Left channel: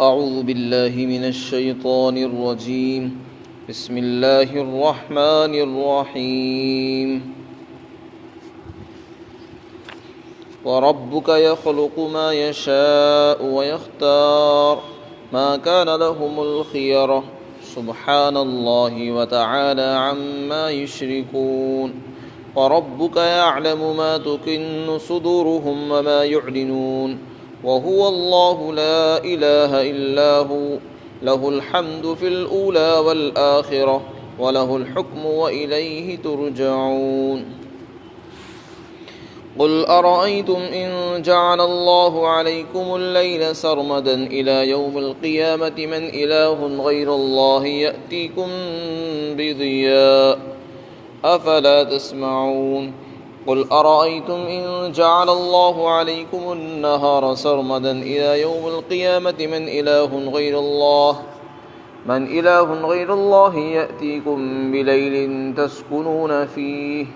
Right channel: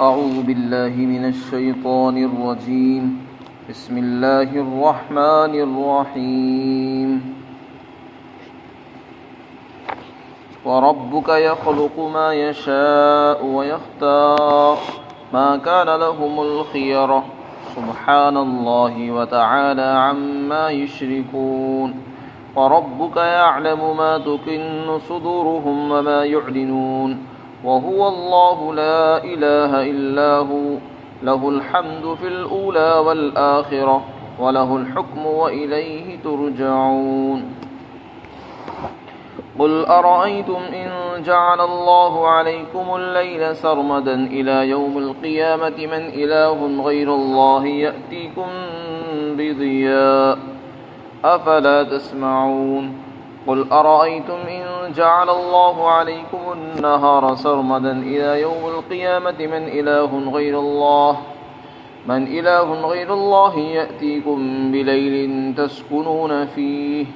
أعوذ بالله من الشيطان الرجيم. بسم الله الرحمن الرحيم. وربك يخلق ما يشاء ويختار ما كان لهم الخيرة سبحان الله وتعالى عما يشركون. وربك يعلم ما تكن صدورهم وما يعلنون وهو الله لا إله إلا هو له الحمد في الأولى والآخرة وله الحكم وإليه ترجعون. قل أرأيتم إن جعل الله عليكم الليل سرمدا إلى يوم القيامة من إله غير الله يأتيكم بضياء أفلا تسمعون. قل أرأيتم إن جعل الله عليكم النهار سرمدا إلى يوم القيامة من إله غير الله يأتيكم بليل تسكنون فيه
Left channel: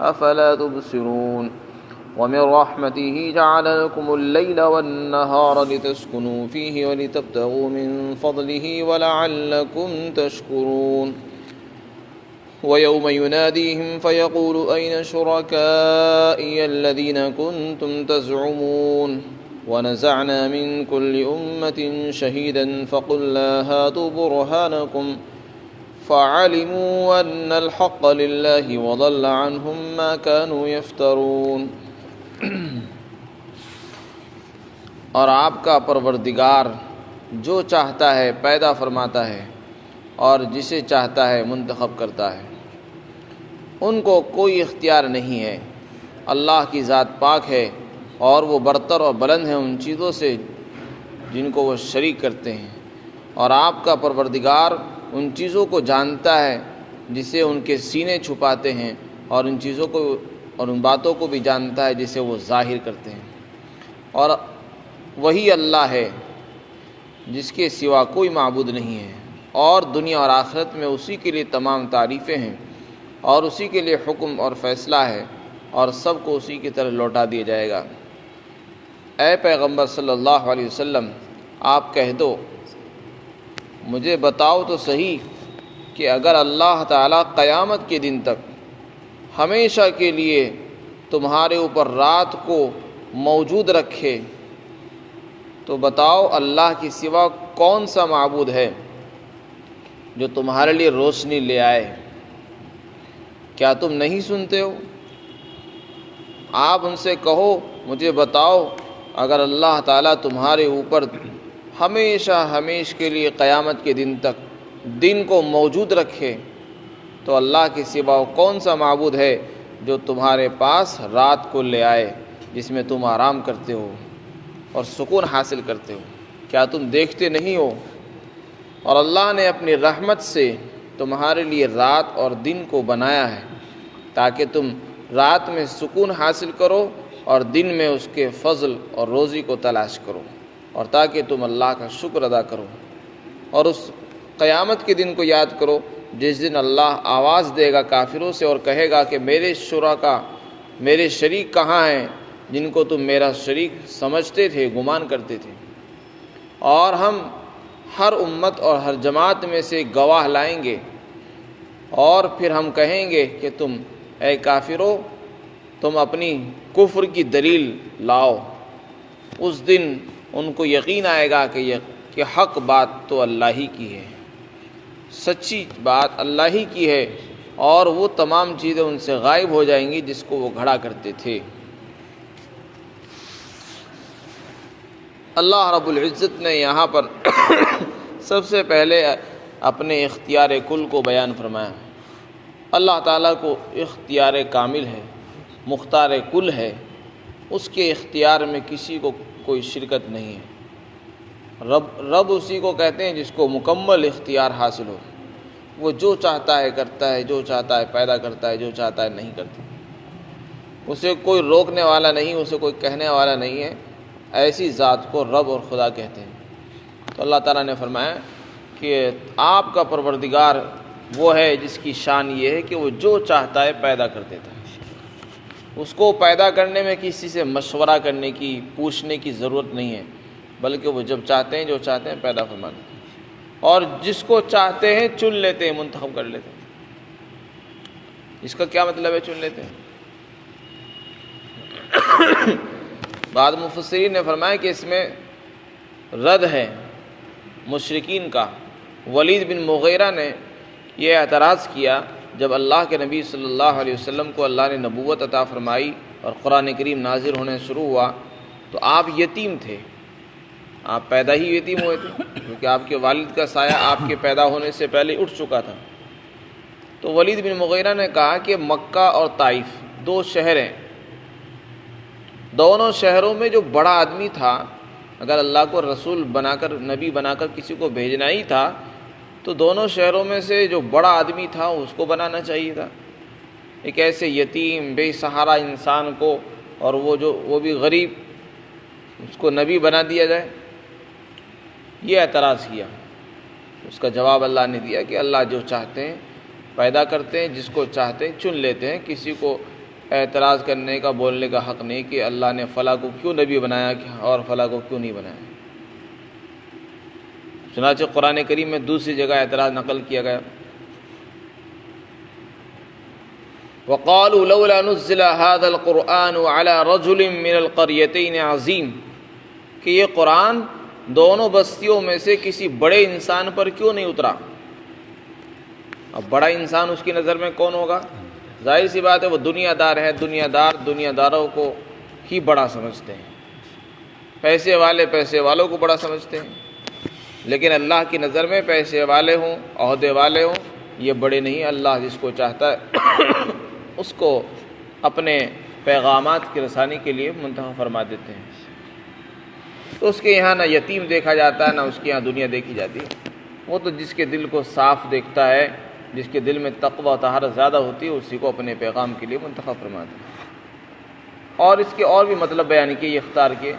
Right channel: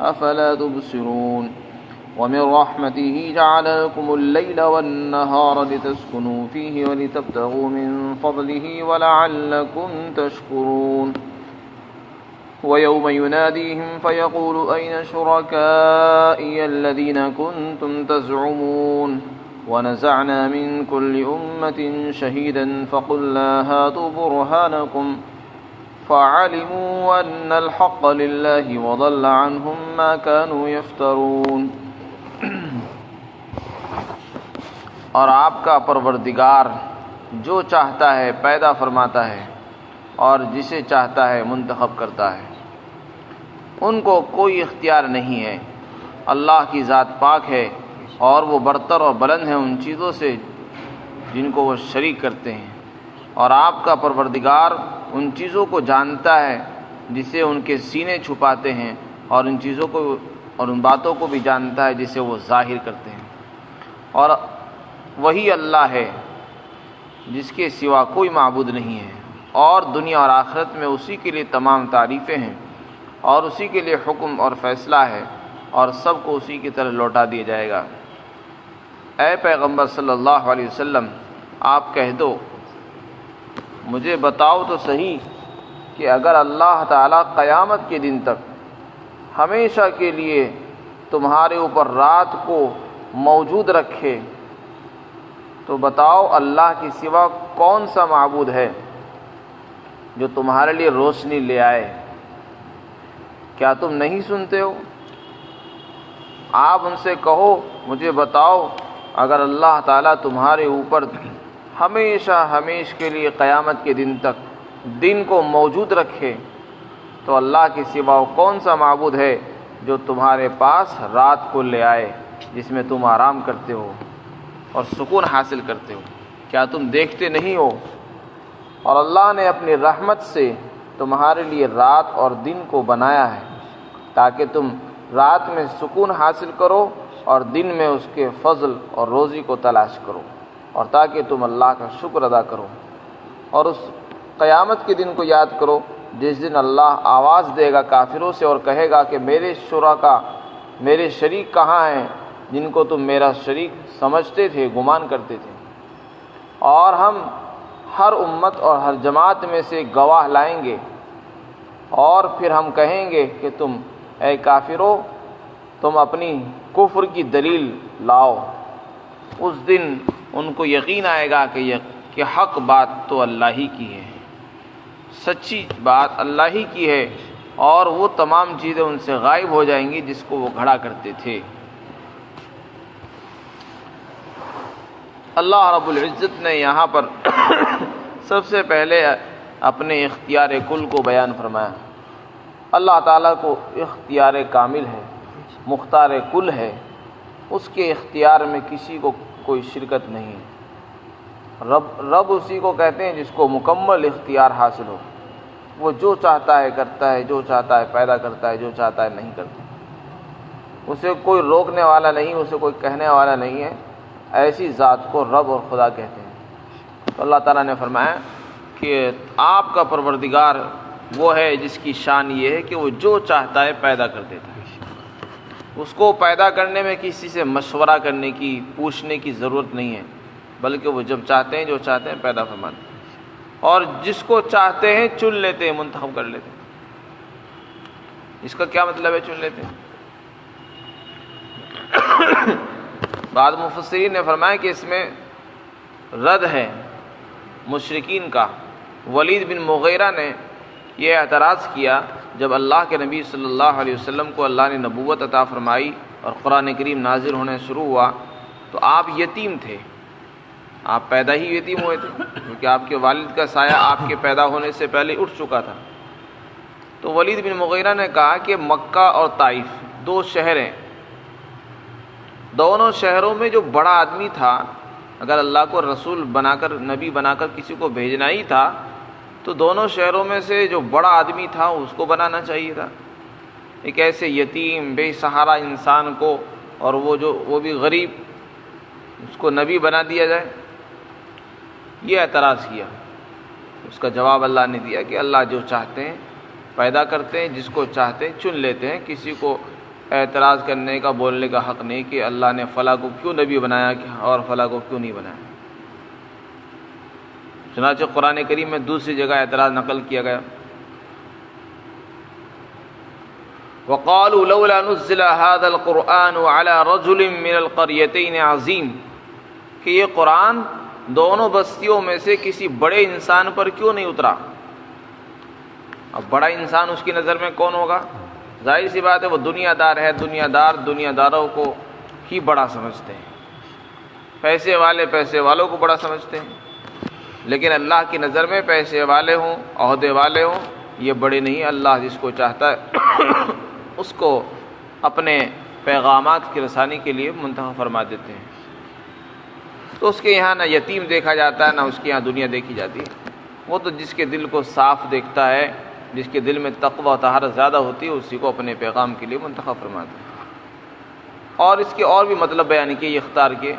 أفلا تبصرون. ومن رحمته جعل لكم الليل والنهار لتسكنوا فيه ولتبتغوا من فضله ولعلكم تشكرون. ويوم يناديهم فيقول أين شركائي الذين كنتم تزعمون ونزعنا من كل أمة شهيدا فقلنا هاتوا برهانكم فعلموا أن الحق لله وضل عنهم ما كانوا يفترون. اور آپ کا پروردگار جو چاہتا ہے پیدا فرماتا ہے اور جسے چاہتا ہے منتخب کرتا ہے. ان کو کوئی اختیار نہیں ہے. اللہ کی ذات پاک ہے اور وہ برتر اور بلند ہے ان چیزوں سے جن کو وہ شریک کرتے ہیں. اور آپ کا پروردگار ان چیزوں کو جانتا ہے جسے ان کے سینے چھپاتے ہیں اور ان چیزوں کو اور ان باتوں کو بھی جانتا ہے جسے وہ ظاہر کرتے ہیں. اور وہی اللہ ہے جس کے سوا کوئی معبود نہیں ہے اور دنیا اور آخرت میں اسی کے لیے تمام تعریفیں ہیں اور اسی کے لیے حکم اور فیصلہ ہے اور سب کو اسی کی طرح لوٹا دیا جائے گا. اے پیغمبر صلی اللہ علیہ وسلم آپ کہہ دو مجھے بتاؤ تو صحیح کہ اگر اللہ تعالیٰ قیامت کے دن تک ہمیشہ کے لیے تمہارے اوپر رات کو موجود رکھے تو بتاؤ اللہ کے سوا کون سا معبود ہے جو تمہارے لیے روشنی لے آئے. کیا تم نہیں سنتے ہو؟ آپ ان سے کہو مجھے بتاؤ اگر اللہ تعالیٰ تمہارے اوپر ہمیشہ کے لیے قیامت کے دن تک دن کو موجود رکھے تو اللہ کے سوا کون سا معبود ہے جو تمہارے پاس رات کو لے آئے جس میں تم آرام کرتے ہو اور سکون حاصل کرتے ہو. کیا تم دیکھتے نہیں ہو؟ اور اللہ نے اپنی رحمت سے تمہارے لیے رات اور دن کو بنایا ہے تاکہ تم رات میں سکون حاصل کرو اور دن میں اس کے فضل اور روزی کو تلاش کرو اور تاکہ تم اللہ کا شکر ادا کرو. اور اس قیامت کے دن کو یاد کرو جس دن اللہ آواز دے گا کافروں سے اور کہے گا کہ میرے شرکا میرے شریک کہاں ہیں جن کو تم میرا شریک سمجھتے تھے گمان کرتے تھے. اور ہم ہر امت اور ہر جماعت میں سے گواہ لائیں گے اور پھر ہم کہیں گے کہ تم اے کافرو تم اپنی کفر کی دلیل لاؤ. اس دن ان کو یقین آئے گا کہ حق بات تو اللہ ہی کی ہے, سچی بات اللہ ہی کی ہے اور وہ تمام چیزیں ان سے غائب ہو جائیں گی جس کو وہ گھڑا کرتے تھے. اللہ رب العزت نے یہاں پر سب سے پہلے اپنے اختیار کل کو بیان فرمایا. اللہ تعالیٰ کو اختیار کامل ہے, مختار کل ہے, اس کے اختیار میں کسی کو کوئی شرکت نہیں ہے. رب اسی کو کہتے ہیں جس کو مکمل اختیار حاصل ہو. وہ جو چاہتا ہے کرتا ہے, جو چاہتا ہے پیدا کرتا ہے, جو چاہتا ہے نہیں کرتا. اسے کوئی روکنے والا نہیں, اسے کوئی کہنے والا نہیں ہے. ایسی ذات کو رب اور خدا کہتے ہیں. تو اللہ تعالیٰ نے فرمایا کہ آپ کا پروردگار وہ ہے جس کی شان یہ ہے کہ وہ جو چاہتا ہے پیدا کر دیتا ہے. اس کو پیدا کرنے میں کسی سے مشورہ کرنے کی, پوچھنے کی ضرورت نہیں ہے. بلکہ وہ جب چاہتے ہیں جو چاہتے ہیں پیدا فرماتے ہیں، اور جس کو چاہتے ہیں چن لیتے ہیں، منتخب کر لیتے ہیں۔ اس کا کیا مطلب ہے چن لیتے ہیں؟ بعض مفسرین نے فرمایا کہ اس میں رد ہے مشرکین کا۔ ولید بن مغیرہ نے یہ اعتراض کیا جب اللہ کے نبی صلی اللہ علیہ وسلم کو اللہ نے نبوت عطا فرمائی اور قرآن کریم نازل ہونے شروع ہوا تو آپ یتیم تھے، آپ پیدا ہی یتیم ہوئے تھے، کیونکہ آپ کے والد کا سایہ آپ کے پیدا ہونے سے پہلے اٹھ چکا تھا۔ تو ولید بن مغیرہ نے کہا کہ مکہ اور طائف دو شہر ہیں، دونوں شہروں میں جو بڑا آدمی تھا، اگر اللہ کو رسول بنا کر نبی بنا کر کسی کو بھیجنا ہی تھا تو دونوں شہروں میں سے جو بڑا آدمی تھا اس کو بنانا چاہیے تھا۔ ایک ایسے یتیم بے سہارا انسان کو، اور وہ بھی غریب، اس کو نبی بنا دیا جائے، یہ اعتراض کیا۔ اس کا جواب اللہ نے دیا کہ اللہ جو چاہتے ہیں پیدا کرتے ہیں، جس کو چاہتے ہیں چن لیتے ہیں۔ کسی کو اعتراض کرنے کا، بولنے کا حق نہیں کہ اللہ نے فلاں کو کیوں نبی بنایا اور فلاں کو کیوں نہیں بنایا۔ چنانچہ قرآن کریم میں دوسری جگہ اعتراض نقل کیا گیا، وَقَالُوا لَوْلَا نُزِّلَ هَذَا الْقُرْآنُ عَلَى رَجُلٍ مِّنَ الْقَرْيَتَيْنِ عَظِيمٍ، کہ یہ قرآن دونوں بستیوں میں سے کسی بڑے انسان پر کیوں نہیں اترا۔ اب بڑا انسان اس کی نظر میں کون ہوگا؟ ظاہر سی بات ہے وہ دنیا دار ہے، دنیا داروں کو ہی بڑا سمجھتے ہیں، پیسے والے پیسے والوں کو بڑا سمجھتے ہیں، لیکن اللہ کی نظر میں پیسے والے ہوں، عہدے والے ہوں، یہ بڑے نہیں۔ اللہ جس کو چاہتا ہے اس کو اپنے پیغامات کی رسانی کے لیے منتخب فرما دیتے ہیں۔ تو اس کے یہاں نہ یتیم دیکھا جاتا ہے، نہ اس کے یہاں دنیا دیکھی جاتی ہے۔ وہ تو جس کے دل کو صاف دیکھتا ہے، جس کے دل میں تقوی و طہارت زیادہ ہوتی ہے، اسی کو اپنے پیغام کے لیے منتخب فرماتے ہیں۔ اور اس کے اور بھی مطلب بیان کیے یہ اختیار کے۔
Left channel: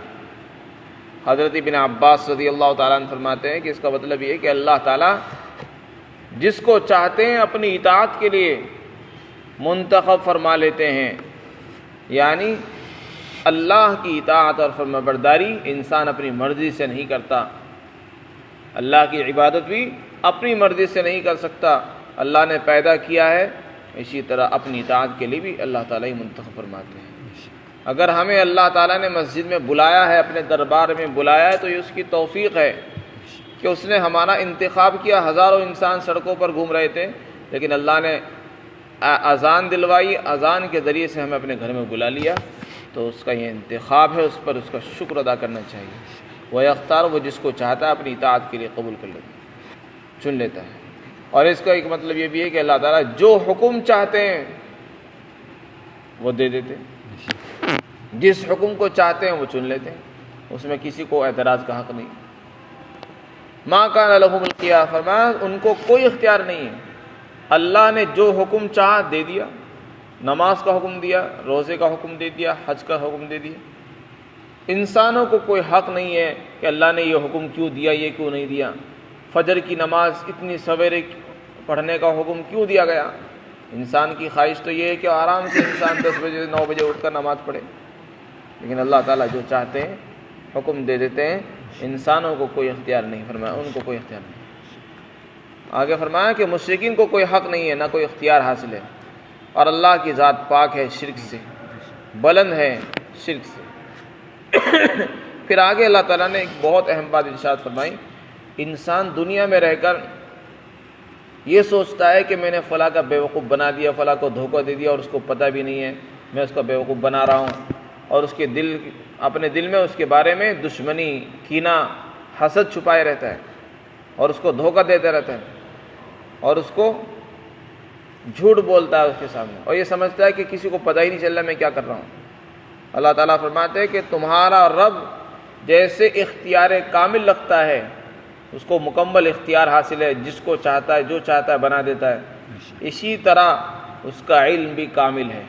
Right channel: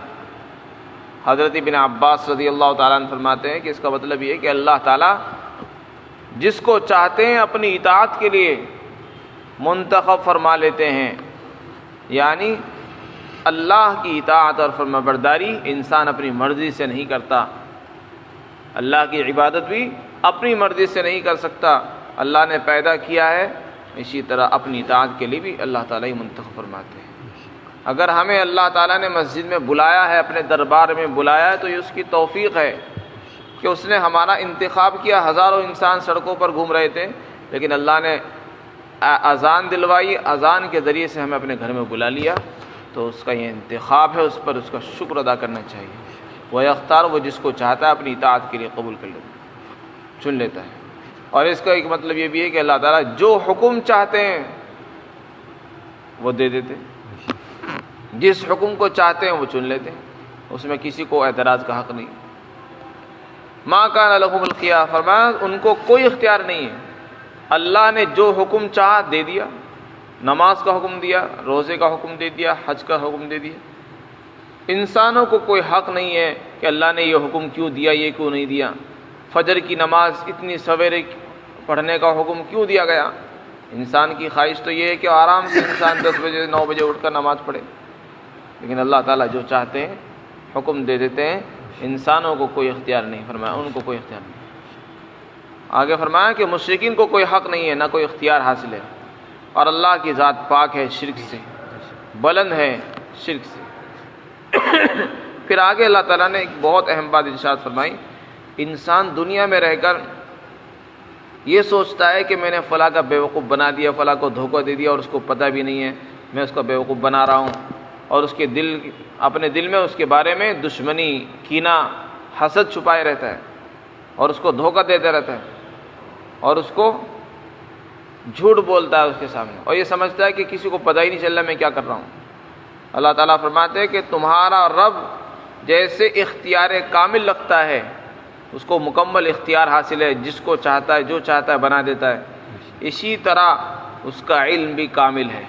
حضرت ابن عباس رضی اللہ تعالیٰ عنہ فرماتے ہیں کہ اس کا مطلب یہ ہے کہ اللہ تعالیٰ جس کو چاہتے ہیں اپنی اطاعت کے لیے منتخب فرما لیتے ہیں، یعنی اللہ کی اطاعت اور فرمانبرداری انسان اپنی مرضی سے نہیں کرتا، اللہ کی عبادت بھی اپنی مرضی سے نہیں کر سکتا۔ اللہ نے پیدا کیا ہے، اسی طرح اپنی اطاعت کے لیے بھی اللہ تعالیٰ ہی منتخب فرماتے ہیں۔ اگر ہمیں اللہ تعالیٰ نے مسجد میں بلایا ہے، اپنے دربار میں بلایا ہے، تو یہ اس کی توفیق ہے کہ اس نے ہمارا انتخاب کیا۔ ہزاروں انسان سڑکوں پر گھوم رہے تھے، لیکن اللہ نے اذان دلوائی، اذان کے ذریعے سے ہمیں اپنے گھر میں بلا لیا، تو اس کا یہ انتخاب ہے، اس پر اس کا شکر ادا کرنا چاہیے۔ وہ اختیار وہ جس کو چاہتا ہے اپنی اطاعت کے لیے قبول کر لیتا ہے، چن لیتا ہے۔ اور اس کا ایک مطلب یہ بھی ہے کہ اللہ تعالیٰ جو حکم چاہتے ہیں وہ دے دیتے ہیں، جس حکم کو چاہتے ہیں وہ چن لیتے ہیں، اس میں کسی کو اعتراض کا حق نہیں۔ ما کان لہم الخیار، فرمایا ان کو کوئی اختیار نہیں ہے، اللہ نے جو حکم چاہا دے دیا، نماز کا حکم دیا، روزے کا حکم دے دیا، حج کا حکم دے دیا۔ انسانوں کو کوئی حق نہیں ہے کہ اللہ نے یہ حکم کیوں دیا، یہ کیوں نہیں دیا، فجر کی نماز اتنی سویرے پڑھنے کا حکم کیوں دیا گیا۔ انسان کی خواہش تو یہ ہے کہ آرام سے انسان 10 بجے 9 بجے اٹھ کر نماز پڑھے، لیکن اللہ تعالیٰ جو چاہتے ہیں حکم دے دیتے ہیں، انسانوں کو کوئی اختیار نہیں، فرمایا ان کو کوئی اختیار نہیں۔ آگے فرمایا کہ مشرکین کو کوئی حق نہیں ہے، نہ کوئی اختیار حاصل ہے، اور اللہ کی ذات پاک ہے شرک سے، بلند ہے شرک سے۔ پھر آگے اللہ تعالیٰ نے ایک بہت اہم بات ارشاد فرمائی، انسان دنیا میں رہ کر یہ سوچتا ہے کہ میں نے فلاں کا بیوقوف بنا دیا، فلاں کو دھوکہ دے دیا اور اس کو پتہ بھی نہیں ہے میں اس کا بیوقوف بنا رہا ہوں، اور اس کے اپنے دل میں اس کے بارے میں دشمنی، کینہ، حسد چھپائے رہتا ہے، اور اس کو دھوکہ دیتے رہتا ہے، اور اس کو جھوٹ بولتا ہے اس کے سامنے، اور یہ سمجھتا ہے کہ کسی کو پتہ ہی نہیں چل رہا میں کیا کر رہا ہوں۔ اللہ تعالیٰ فرماتے ہیں کہ تمہارا رب جیسے اختیار کامل رکھتا ہے، اس کو مکمل اختیار حاصل ہے، جس کو چاہتا ہے جو چاہتا ہے بنا دیتا ہے، اسی طرح اس کا علم بھی کامل ہے۔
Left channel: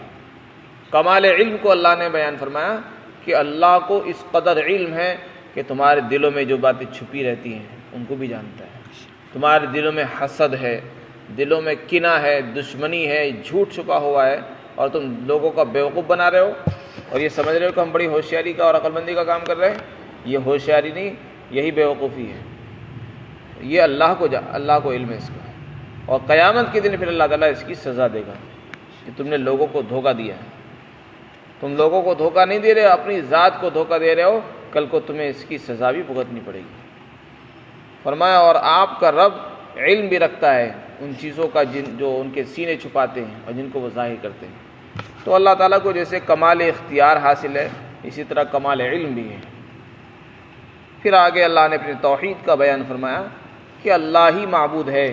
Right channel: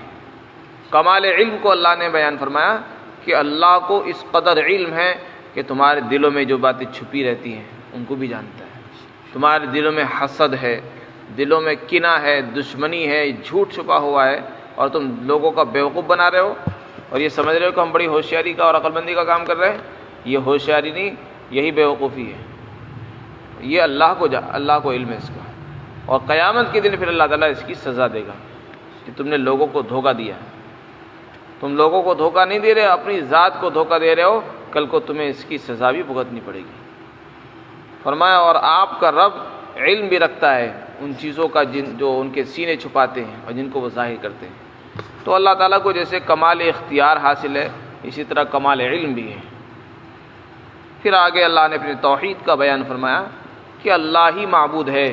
کمال علم کو اللہ نے بیان فرمایا کہ اللہ کو اس قدر علم ہے کہ تمہارے دلوں میں جو باتیں چھپی رہتی ہیں ان کو بھی جانتا ہے۔ تمہارے دلوں میں حسد ہے، دلوں میں کینہ ہے، دشمنی ہے، جھوٹ چھپا ہوا ہے، اور تم لوگوں کا بیوقوف بنا رہے ہو اور یہ سمجھ رہے ہو کہ ہم بڑی ہوشیاری کا اور عقل مندی کا کام کر رہے ہیں۔ یہ ہوشیاری نہیں، یہی بیوقوفی ہے، یہ اللہ کو علم ہے اس کا، اور قیامت کے دن پھر اللہ تعالیٰ اس کی سزا دے گا کہ تم نے لوگوں کو دھوکہ دیا ہے۔ تم لوگوں کو دھوکہ نہیں دے رہے، اپنی ذات کو دھوکہ دے رہے ہو، کل کو تمہیں اس کی سزا بھی بھگتنی پڑے گی۔ فرمایا اور آپ کا رب علم بھی رکھتا ہے ان چیزوں کا جو ان کے سینے چھپاتے ہیں اور جن کو وہ ظاہر کرتے ہیں۔ تو اللہ تعالیٰ کو جیسے کمال اختیار حاصل ہے، اسی طرح کمال علم بھی ہے۔ پھر آگے اللہ نے اپنے توحید کا بیان فرمایا کہ اللہ ہی معبود ہے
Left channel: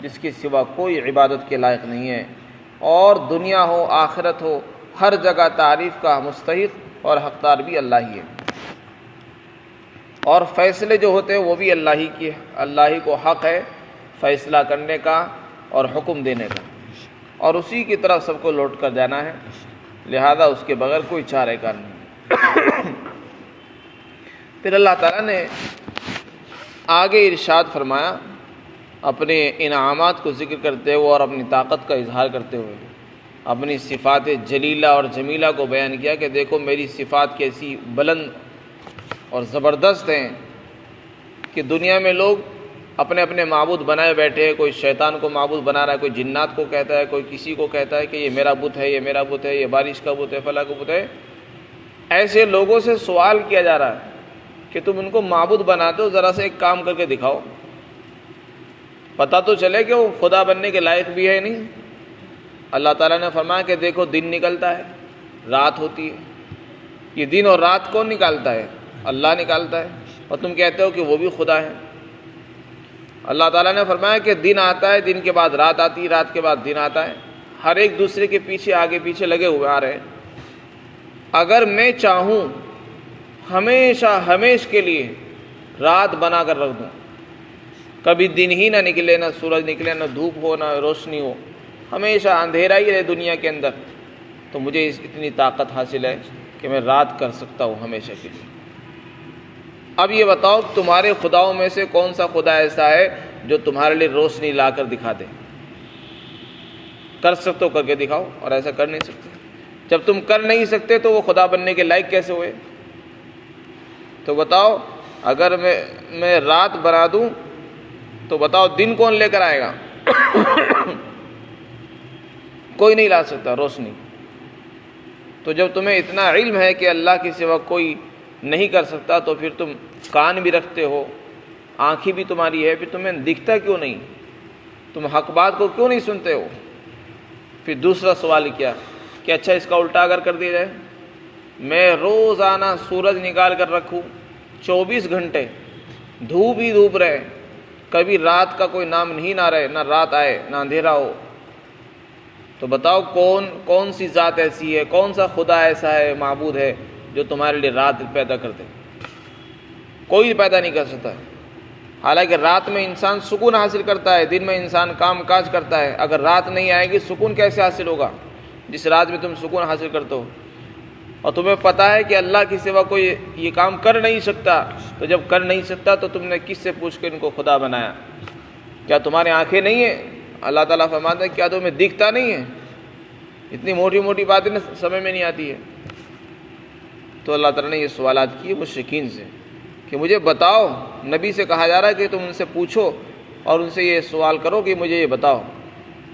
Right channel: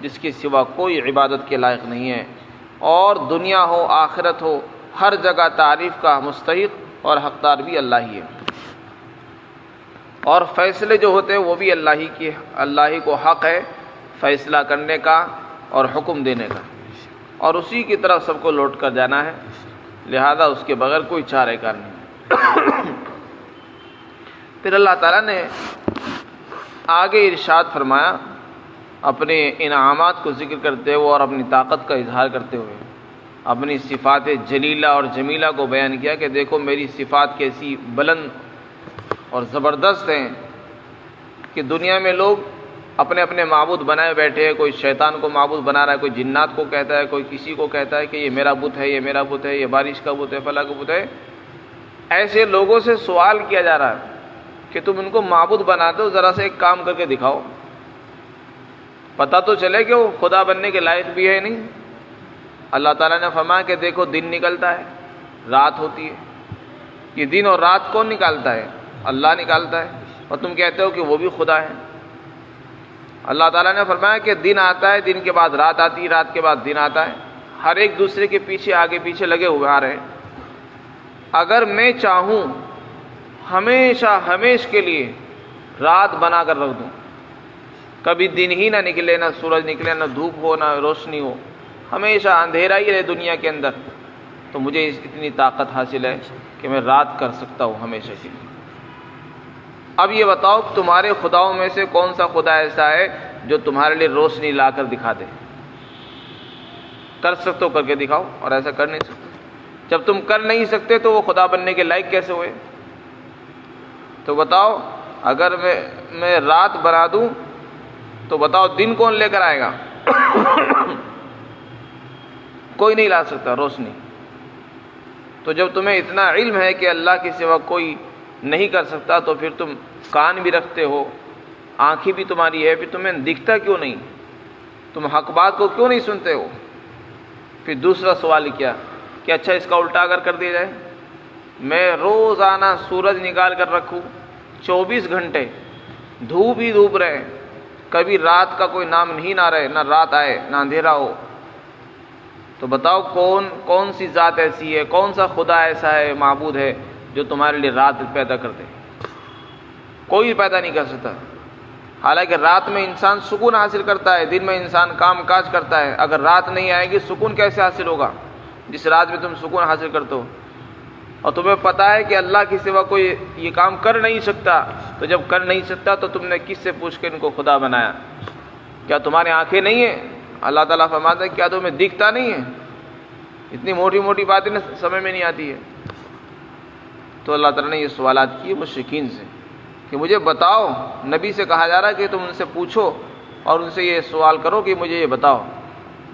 جس کے سوا کوئی عبادت کے لائق نہیں ہے، اور دنیا ہو آخرت ہو ہر جگہ تعریف کا مستحق اور حقدار بھی اللہ ہی ہے، اور فیصلے جو ہوتے ہیں وہ بھی اللہ ہی کی ہے، اللہ ہی کو حق ہے فیصلہ کرنے کا اور حکم دینے کا، اور اسی کی طرف سب کو لوٹ کر جانا ہے، لہذا اس کے بغیر کوئی چارہ کار نہیں ہے۔ پھر اللہ تعالیٰ نے آگے ارشاد فرمایا اپنے انعامات کو ذکر کرتے ہوئے اور اپنی طاقت کا اظہار کرتے ہوئے اپنی صفات جلیلہ اور جمیلہ کو بیان کیا کہ دیکھو میری صفات کیسی بلند اور زبردست ہیں کہ دنیا میں لوگ اپنے اپنے معبود بنائے بیٹھے ہیں، کوئی شیطان کو معبود بنا رہا ہے، کوئی جنات کو کہتا ہے، کوئی کسی کو کہتا ہے کہ یہ میرا بت ہے، یہ میرا بت ہے، یہ بارش کا بت ہے، فلاں کا بت ہے۔ ایسے لوگوں سے سوال کیا جا رہا ہے کہ تم ان کو معبود بناتے ہو، ذرا سے ایک کام کر کے دکھاؤ، پتہ تو چلے کہ وہ خدا بننے کے لائق بھی ہے نہیں۔ اللہ تعالیٰ نے فرمایا کہ دیکھو دن نکلتا ہے، رات ہوتی ہے، یہ دن اور رات کون نکالتا ہے؟ اللہ نکالتا ہے، اور تم کہتے ہو کہ وہ بھی خدا ہے۔ اللہ تعالیٰ نے فرمایا کہ دن آتا ہے، دن کے بعد رات آتی ہے، رات کے بعد دن آتا ہے، ہر ایک دوسرے کے پیچھے آگے پیچھے لگے ہوئے آ رہے ہیں۔ اگر میں چاہوں ہمیشہ ہمیش کے لیے رات بنا کر رکھ دوں، کبھی دن ہی نہ نکلے، نہ سورج نکلے، نہ دھوپ ہو، نہ روشنی ہو، ہمیشہ اندھیرا ہی رہے دنیا کے اندر، تو مجھے اتنی طاقت حاصل ہے کہ میں رات کر سکتا ہوں ہمیشہ کے لیے۔ اب یہ بتاؤ تمہارے خداؤں میں سے کون سا خدا ایسا ہے جو تمہارے لیے روشنی لا کر دکھا دے؟ کر سکتے ہو کر کے دکھاؤ، اور ایسا کر نہیں سکتے۔ جب تم کر نہیں سکتے تو وہ خدا بننے کے لائق کیسے ہوئے؟ تو بتاؤ اگر میں رات بنا دوں تو بتاؤ دن کون لے کر آئے گا؟ کوئی نہیں لا سکتا روشنی۔ تو جب تمہیں اتنا علم ہے کہ اللہ کے سوا کوئی نہیں کر سکتا، تو پھر تم کان بھی رکھتے ہو، آنکھیں بھی تمہاری ہے، پھر تمہیں دکھتا کیوں نہیں؟ تم حق بات کو کیوں نہیں سنتے ہو؟ پھر دوسرا سوال کیا کہ اچھا اس کا الٹا اگر کر دیا جائے، میں روزانہ سورج نکال کر رکھوں 24 گھنٹے، دھوپ ہی دھوپ رہے، کبھی رات کا کوئی نام نہیں نہ رہے، نہ رات آئے نہ اندھیرا ہو، تو بتاؤ کون سی ذات ایسی ہے، کون سا خدا ایسا ہے، معبود ہے جو تمہارے لیے رات پیدا کر دے؟ کوئی پیدا نہیں کر سکتا۔ حالانکہ رات میں انسان سکون حاصل کرتا ہے، دن میں انسان کام کاج کرتا ہے، اگر رات نہیں آئے گی سکون کیسے حاصل ہوگا جس رات میں تم سکون حاصل کرتے ہو؟ اور تمہیں پتہ ہے کہ اللہ کے سوا کوئی یہ کام کر نہیں سکتا، تو جب کر نہیں سکتا تو تم نے کس سے پوچھ کے ان کو خدا بنایا؟ کیا تمہاری آنکھیں نہیں ہیں؟ اللہ تعالیٰ فرماتا ہے کیا تمہیں دکھتا نہیں ہے؟ اتنی موٹی موٹی باتیں سمجھ میں نہیں آتی ہے۔ تو اللہ تعالیٰ نے یہ سوالات کیے مشرکین سے کہ مجھے بتاؤ، نبی سے کہا جا رہا ہے کہ تم ان سے پوچھو اور ان سے یہ سوال کرو کہ مجھے یہ بتاؤ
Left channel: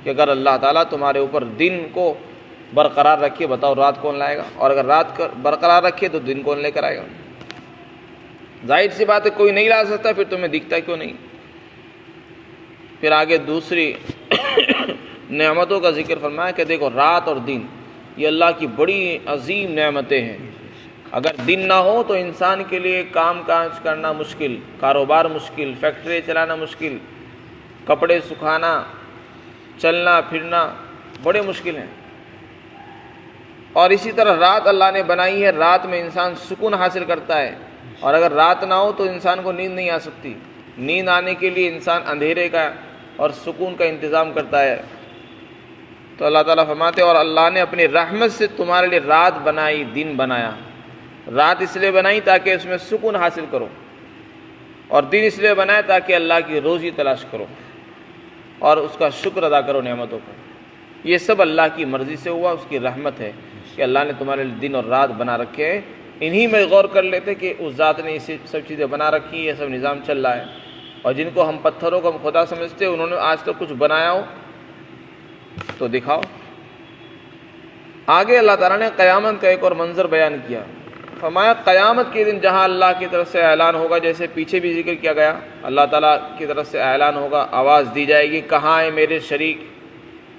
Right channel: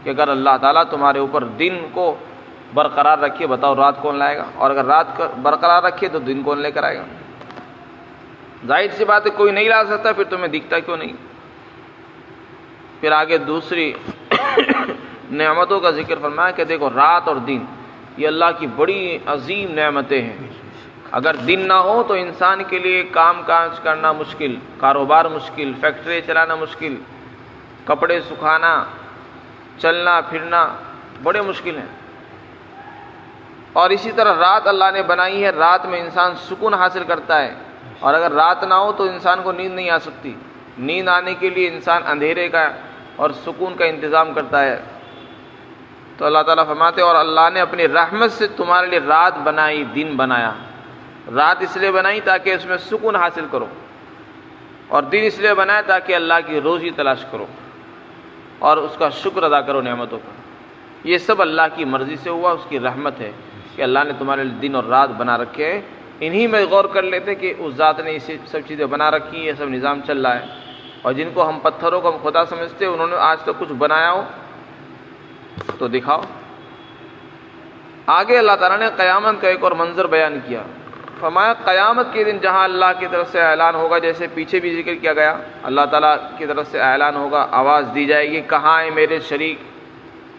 کہ اگر اللہ تعالیٰ تمہارے اوپر دن کو برقرار رکھے، بتاؤ رات کون لائے گا، اور اگر رات برقرار رکھے تو دن کون لے کر آئے گا؟ ظاہر سی بات ہے کوئی نہیں لا سکتا، پھر تمہیں دکھتا کیوں نہیں؟ پھر آگے دوسری نعمتوں کا ذکر فرمایا کہ دیکھو رات اور دن یہ اللہ کی بڑی عظیم نعمتیں ہیں۔ اگر دن نہ ہو تو انسان کے لیے کام کاج کرنا مشکل، کاروبار مشکل، فیکٹری چلانا مشکل، کپڑے سکھانا، چلنا پھرنا بڑے مشکل ہیں۔ اور اسی طرح رات اللہ نے بنائی ہے، رات میں انسان سکون حاصل کرتا ہے، اور اگر رات نہ ہو تو انسان کو نیند نہیں آ سکتی۔ نیند آنے کے لیے انسان اندھیرے کا اور سکون کا انتظام کرتا ہے۔ تو اللہ تعالیٰ فرماتے ہیں اور اللہ نے اپنی رحمت سے تمہارے لیے رات بنائی، دن بنایا۔ رات اس لیے بنائی تاکہ اس میں سکون حاصل کرو، اور دن اس لیے بنایا تاکہ اللہ کی روزی تلاش کرو اور اس کا شکر ادا کرو نعمتوں کا۔ یہ سب اللہ کی مرضی سے ہوا، اس کی رحمت ہے کہ اللہ نے تمہارے لیے دن اور رات بنا رکھے ہیں انہی میں غور کر لیتے کہ اس ذات نے یہ سب چیزیں بنا رکھی ہیں، یہ سب نظام چل رہا ہے، اور جن کو ہم پتھروں کو ہم خدا سمجھتے انہوں نے آج تک کچھ بنایا ہو تو دکھاؤ۔ آگے اللہ تعالیٰ نے قیامت کا ایک اور منظر بیان کیا، فرمایا قیامت کے دن جہاں اللہ کی طرف سے اعلان ہوگا، جیسے پیچھے بھی ذکر کیا گیا، اللہ تعالیٰ کی طرف سے اعلان ہوگا، آواز دی جائے گی، کہاں ہیں میرے شریک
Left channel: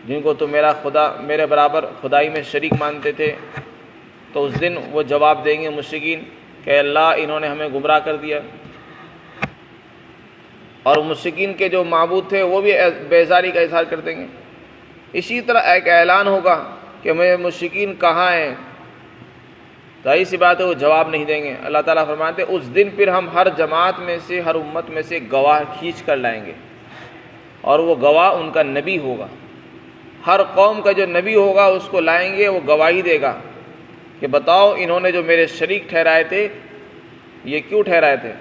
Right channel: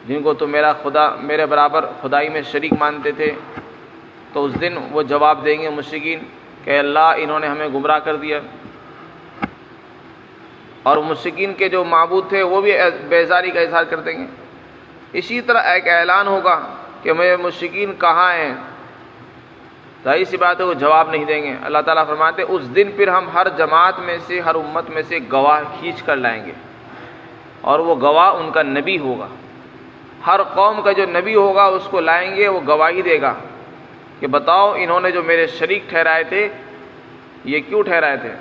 جن کو تو میرے برابر خدائی میں شریک مانتے تھے؟ تو اس دن وہ جواب دیں گے مشرکین کہ اللہ انہوں نے ہمیں گمراہ کر دیا، اور مشرکین کے جو معبود تھے وہ بھی بیزاری کا اظہار کر دیں گے۔ اسی طرح ایک اعلان ہوگا کہ میرے مشرکین کہاں ہیں، ظاہر سی بات ہے وہ جواب نہیں دیں گے۔ اللہ تعالیٰ فرماتے ہیں اس دن پھر ہم ہر جماعت میں سے، ہر امت میں سے گواہ کھینچ کر لائیں گے، اور وہ گواہ ان کا نبی ہوگا۔ ہر قوم کا جو نبی ہوگا اس کو لائیں گے، وہ گواہی دے گا کہ بتاؤ انہوں نے جو میرے شریک ٹھہرائے تھے یہ کیوں ٹھہرائے تھے،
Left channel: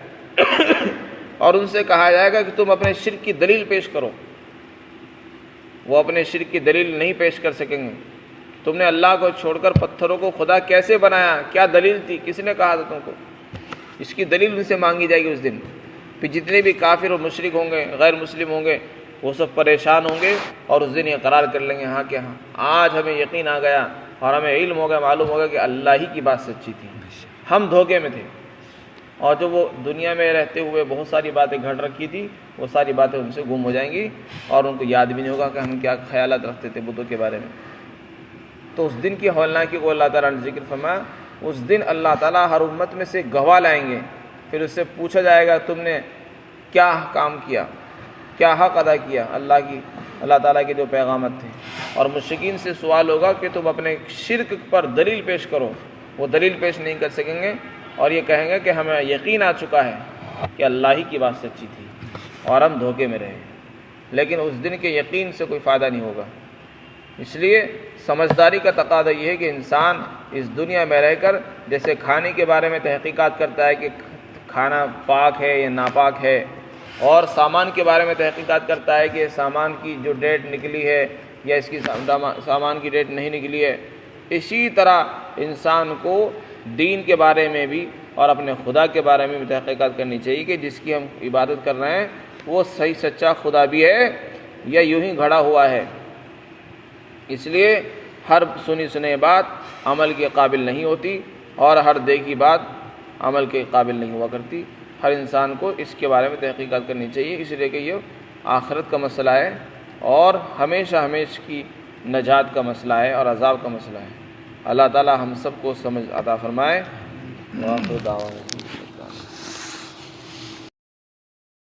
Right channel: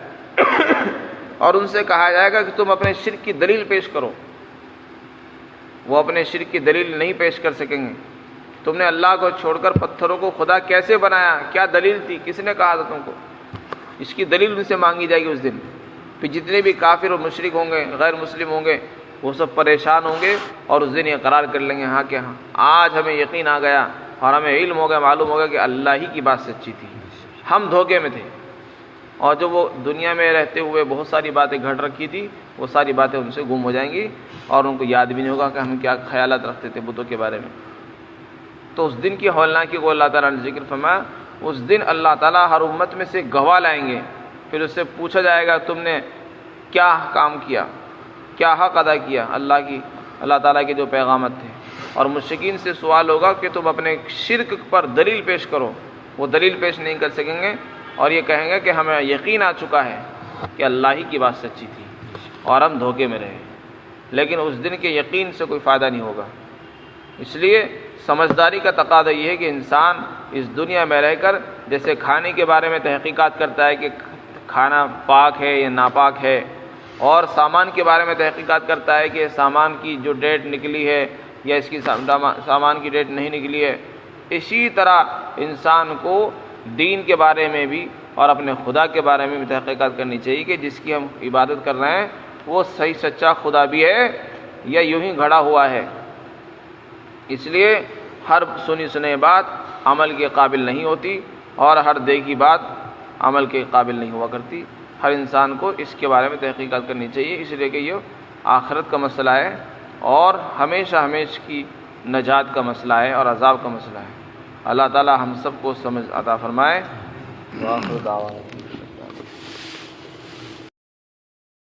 اور ان سے کہا جائے گا کہ تم اپنے شرک کی دلیل پیش کرو۔ وہ اپنے شرک کی دلیل نہیں پیش کر سکیں گے۔ تم نے اللہ کو چھوڑ کر پتھروں کو خدا کیسے بنایا، کیا دلیل تھی، کس نے کہا تھا تم کو؟ اس کی دلیل ان سے مانگی جائے گی اس دن۔ پھر جتنے بھی کافر و مشرک ہوں گے، غیر مسلم ہوں گے، وہ سب پریشان ہوں گے، اور اس دن یہ قرار کر لیں گے ہاں کہ ہاں آج ہمیں یقین آ گیا اور ہمیں علم ہو گیا، معلوم ہو گیا کہ اللہ ہی کی بات سچی تھی، ہم دھوکے میں تھے، اور جو وہ دنیا میں رہتے ہوئے بہت ساری باتیں گھڑ رکھی تھی وہ ساری باتیں ان سے گم ہو جائیں گی، اور ان کو یاد بھی نہیں ہوگا کہ ہم کیا خیالات رکھتے تھے بتوں کے بارے میں۔ تو اس دن کی ہولناکی کو اللہ تعالیٰ نے ذکر فرمایا۔ اس دن اللہ تعالیٰ ہر امت میں سے گواہ لائیں گے، پھر اس سے پوچھا جائے گا تم نے کیا کام کیا، کیا حق ادا کیا اللہ تعالیٰ کے جو پیغامات تھے، اور مشرکین سے سوال ہوگا کہ تم اپنے شرک پر دلیل پیش کرو۔ وہ دلیل پیش نہیں کر سکیں گے، اور یہ کہیں گے کہ ہمیں یقین آ چکا ہے کہ اللہ ہی کی بات سچی تھی اور ہم دھوکے میں رہے، لیکن اس دن کے یقین سے کوئی فائدہ نہیں ہوگا۔ اس لیے سمجھداری کا تقاضا یہ ہے کہ انسان اس دنیا میں رہ کر جیسے کھانے کے بارے میں تحقیقات کرتا ہے کہ کھانا پاک ہے یا ناپاک ہے، اور سامان کے بارے میں تحقیقات کرتا ہے کہ سامان کی جو ڈیٹ نکلی ہے یا اس کی سامان کی ڈیٹ نہیں نکلی ہے، اسی طرح انسان کو دین کے بارے میں بھی اور اپنے خدا کے بارے میں بھی تحقیقات کرنی چاہیے کہ جس کی ہم عبادت کر رہے ہیں وہ صحیح سچا خدا بھی ہے یا یوں ہی گھڑا ہوا ہے۔ اس لیے ہر سنی سنی بات عمل کے قابل نہیں ہوتی، اور ہر دیکھی بات عمل کے قابل نہیں ہوا کرتی۔ ہر انسان کو اس کے بارے میں تحقیقات کرنی چاہیے، اس لیے کہ یہ آخرت کا مسئلہ ہے اور ہمیشہ کی نجات کا مسئلہ ہے اور عذاب کا مسئلہ ہے۔ اللہ تعالی ہم سب کو سمجھ عطا فرمائے۔ وآخر دعوانا